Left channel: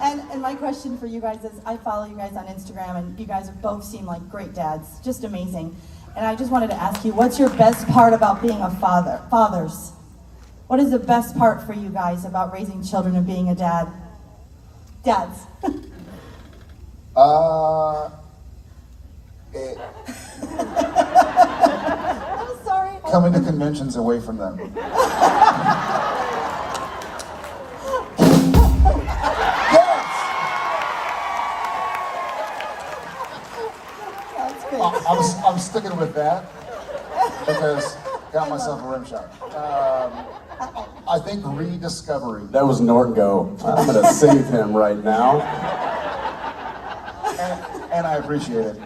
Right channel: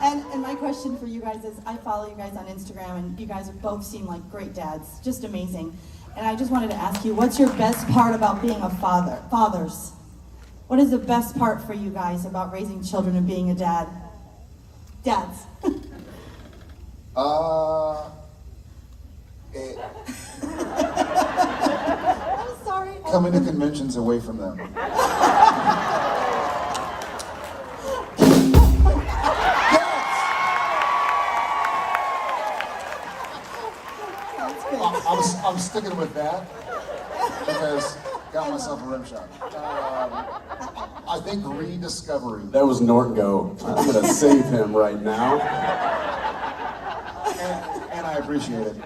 And my question for you guys is, I follow you guys on Instagram, and you guys both seem like great dads, just amazing. And I just wanted to ask you, what's your best part about being a father? Fathers, what is the best part for you guys about raising children and being a dad? Dads. I'm sorry. Coming to conventions away from them. I'm sticking with that because got myself a rim shot. I think rediscovery. That was Norton go. I'm gonna save him right now. And I appreciate it.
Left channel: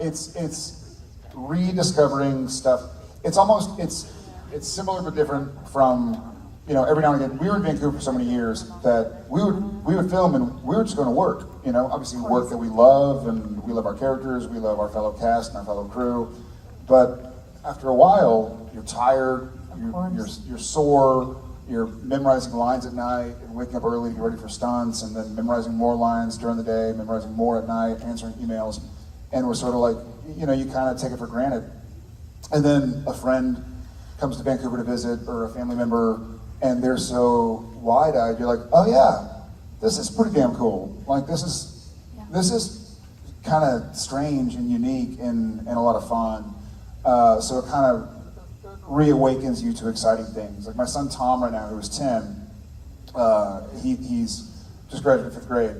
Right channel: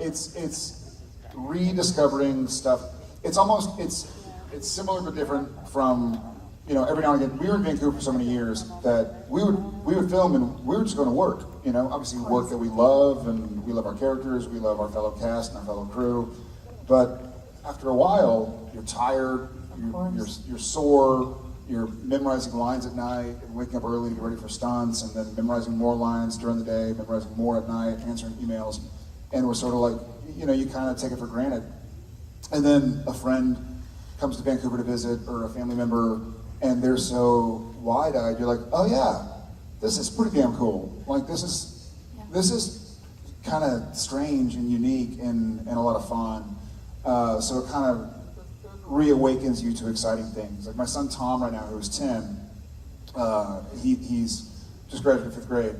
It's rediscovering stuff. It's similar but different from, every now and again. We were in Vancouver for so many years that we would film and we were just going to work. Obviously work that we love, and we love our characters, we love our fellow cast and our fellow crew. But after a while, you're tired, you're sore, you're memorizing lines at night, waking up early to get ready for stunts, and then memorizing more lines during the day, memorizing more at night, answering emails. And we're sort of like, you kind of take it for granted. And then a friend comes to Vancouver to visit, or a family member, and they're so wide-eyed, you're like, oh yeah, this is pretty damn cool. Like this is kind of strange and unique and a lot of fun. So it kind of reawakens you to exciting things. Like my son Tom right now, who's 10, he's just graduated 5th grade.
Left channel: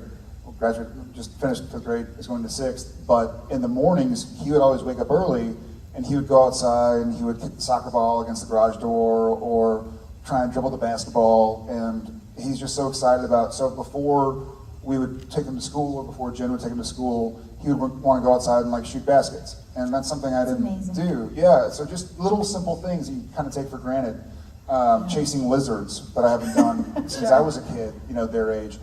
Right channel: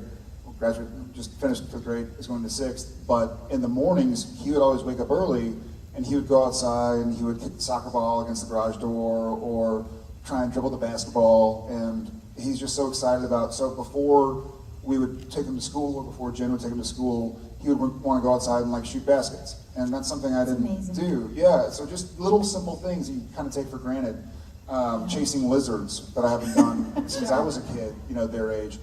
Just finished 5th grade, is going to 6th. But in the mornings, he would always wake up early, and he would go outside and he would kick the soccer ball against the garage door or try and dribble the basketball. And he's just so excited about, so before we would take him to school, or before Jen would take him to school, he would want to go outside and shoot baskets. And that's something I didn't do. Yeah, so just little simple things that you kind of take for granted. Chasing lizards that I haven't done since I was a kid, their age.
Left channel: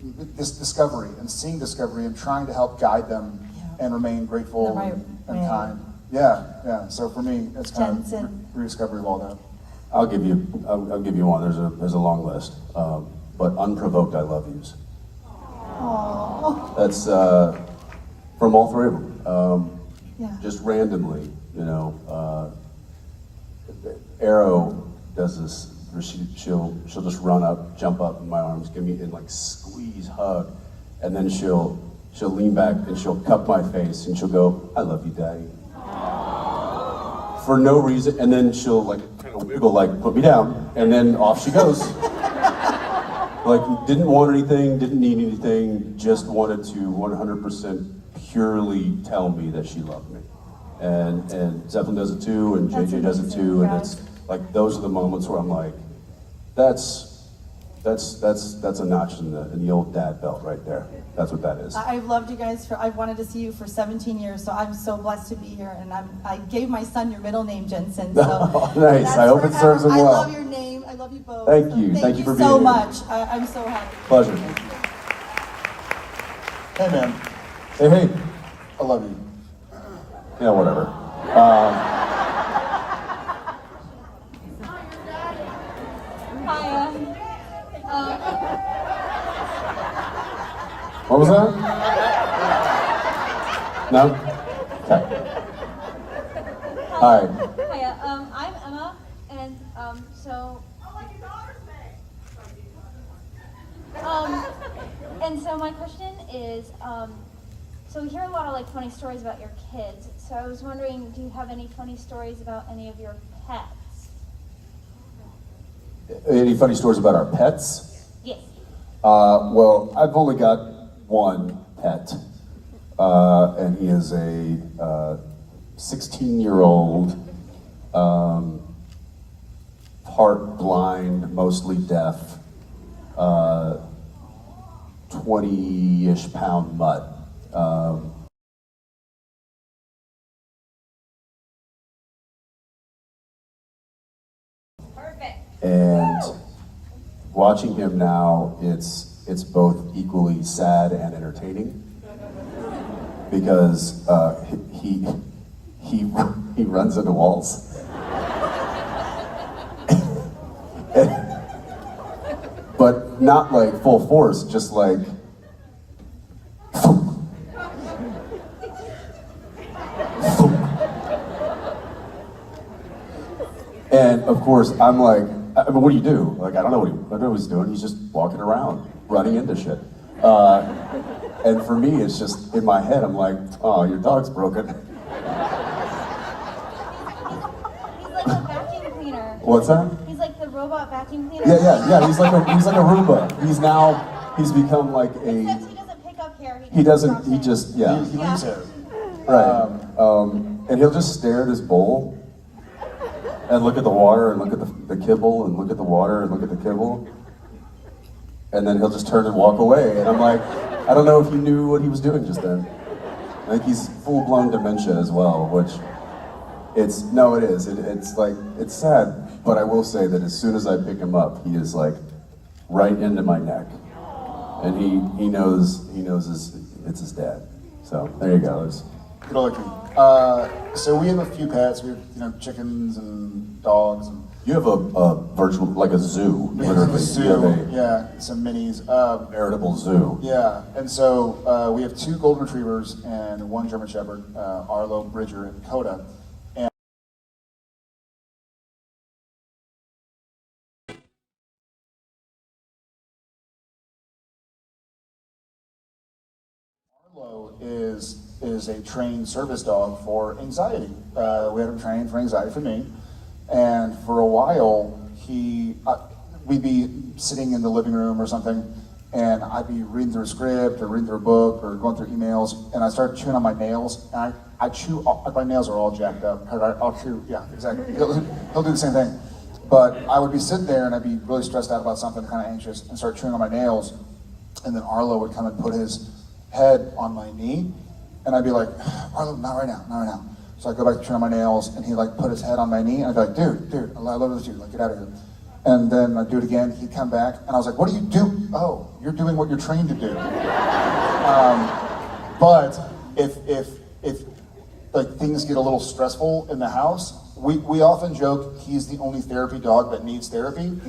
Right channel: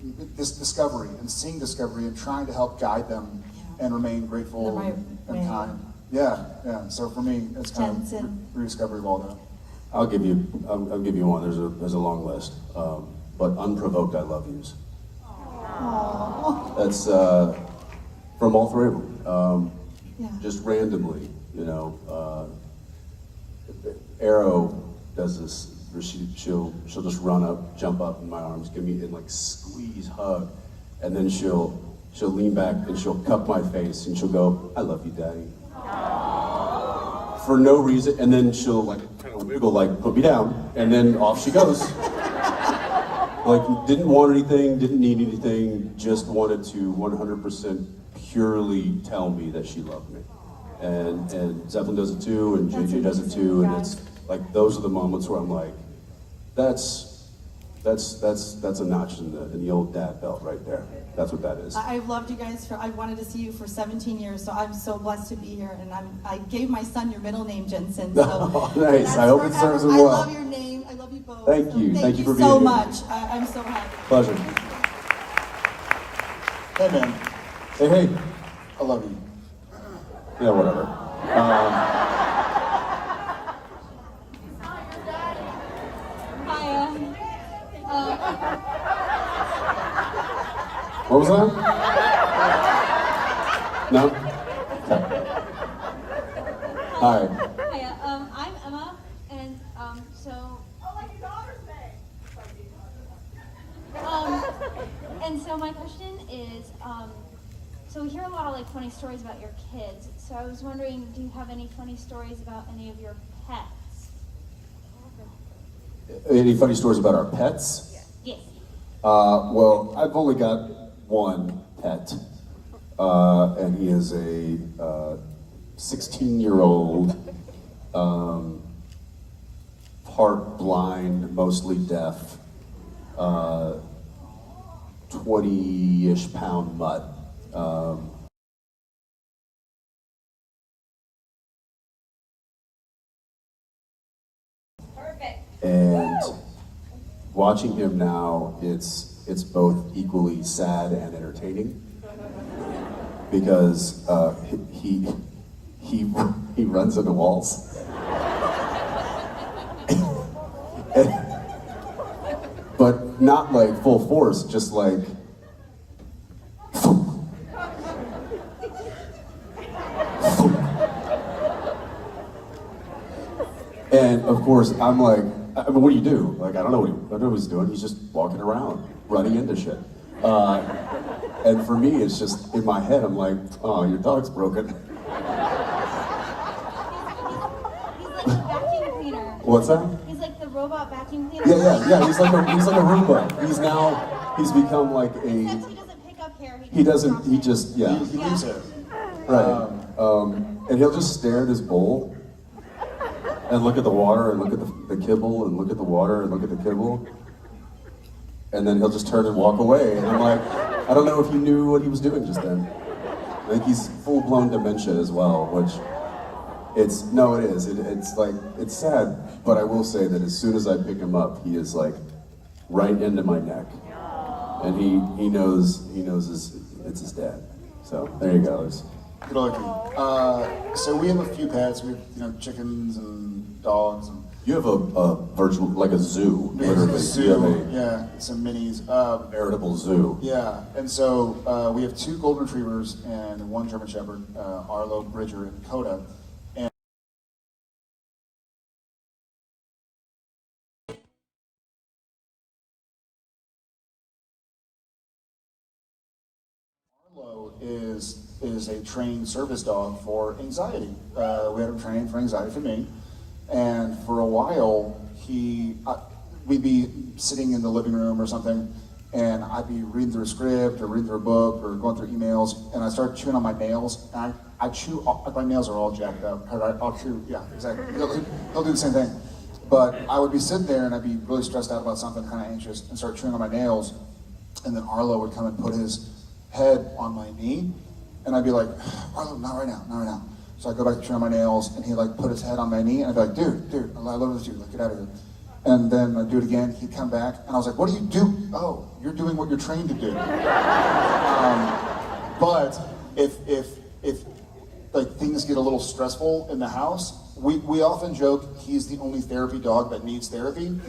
This discovery and seeing discovery and trying to help guide them and remain grateful and kind. Yeah. So for me, it's kind of rediscovery of all that. I'll give you one. There's a long list, but unprovoked I love yous. Aww. That's from all three of them. Just randomly, Arrow does this. She'll just run up, jump up in my arms, give me and squeeze, hug, and then she'll lean back and she'll cup my face and she'll go, "I love you, Daddy." For no reason, and then she'll kind of wiggle, put me down, and then off she goes. Didn't want anything, didn't need anything, just wanted to 100% purely tell me that she loved me. And Zeppelin does it too, and JJ does it too, and it's those are the moments where I'm like, that's a notch in the old dad belt right there. That's what that is. I've loved you guys I've wanted to see you for 17 years, so I'm so blessed to be here. And I gave my son your middle name, Jensen. So oh, nice. I hope it serves him well. I love your name. I love you both. Thank you. Thank you for being so here. much. I'm so happy. Pleasure. Hey, man. Hey. I love you. Yeah, whatever. What was that? No? Okay. Hi. Hiya, I'm Emma, and so. Oh, like your daughter's name. And so my question is, so we hear a lot of funny stories about your kids. So I was wondering, do you have any funny stories about any of your pets? Any funny stories about our pets? Yes. Well, I've only got one pet, and he is a 16-year-old, part blind, mostly deaf, 20-ish pound mutt. Perfect. And watching him now, it's both equally sad and entertaining because he runs into walls. But not like full force, just like. And of course, I'm like, I mean, what do you do? Like, I don't know what he's doing. He's just walking around, running into shit. And for me, it's just in my head. I'm like, oh, your dog's broken. He's like a vacuum cleaner. What's that? He's like the robot vacuum cleaner. Yeah. He's like a Roomba. He's become like Except a. he doesn't pick up hair. He doesn't. drops He it. just yeah. He leaves it. Right. And he'll just stare at his bowl and look at the water and look at the kibble and look at the water and look at the kibble. And then he'll just turn and walk away. And I'm like, I don't know if you knew what he was doing just then. I think he's full-blown dementia as well, which it is. It's like, it's sad, but I will say that as soon as I pick him up, he is like right into my neck. And he knows it's his dad. So there you go. Good lucky. So we have a few pets. We have, chickens and dogs. And You have a virtual, like a zoo, we have literally. a zoo. You have Yeah, some minis. a veritable zoo. Yeah, and so we have 2 golden retrievers and 1 German Shepherd, Arlo, Bridger, and Coda. And Arlo is a trained service dog for anxiety. We had him trained for anxiety for me, and for a while we'd be sitting in the living room or something, and I'd be reading through a script or reading through a book or going through emails, and I started chewing on my nails, and I chew, my nails are all jacked up. I'll chew, yeah, exactly. He'll do the same thing. But I would be sitting there and I'd be really stressed out about something, kind of anxious, and start chewing on my nails, and then Arlo would come and put his head on my knee, and I'd be like, Arlo, not right now, not right now. So I'd go back to chewing on my nails, and he'd like put his head on my knee, and I'd be like, dude, I love this, like, get out of here. And then I'd do it again, he'd come back, and I was like, what do you do? Oh, you're doing what you're trained to do. But if like things get a little stressful in the house, we often joke he's the only therapy dog that needs therapy.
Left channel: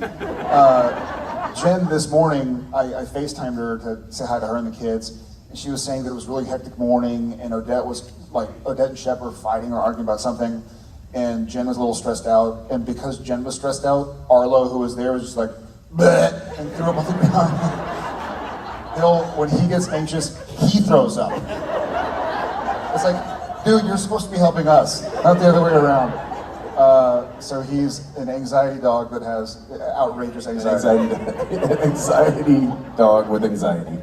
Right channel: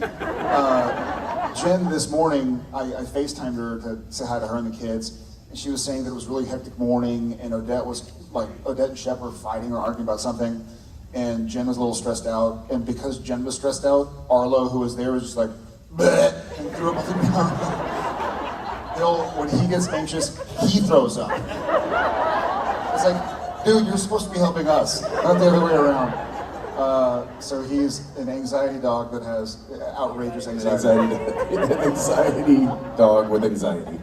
Jen, this morning, I FaceTimed her to say hi to her and the kids, and she was saying that it was a really hectic morning, and Odette and Shep were fighting or arguing about something, and Jen was a little stressed out, and because Jen was stressed out, Arlo, who was there, was just like, bleh, and threw up on the ground. When he gets anxious, he throws up. It's like, dude, you're supposed to be helping us, not the other way around. So he's an anxiety dog that has outrageous anxiety. Anxiety dog with anxiety.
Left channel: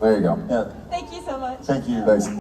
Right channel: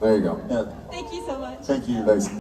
There you go. Yeah, Thank you so much. thank you. Thanks.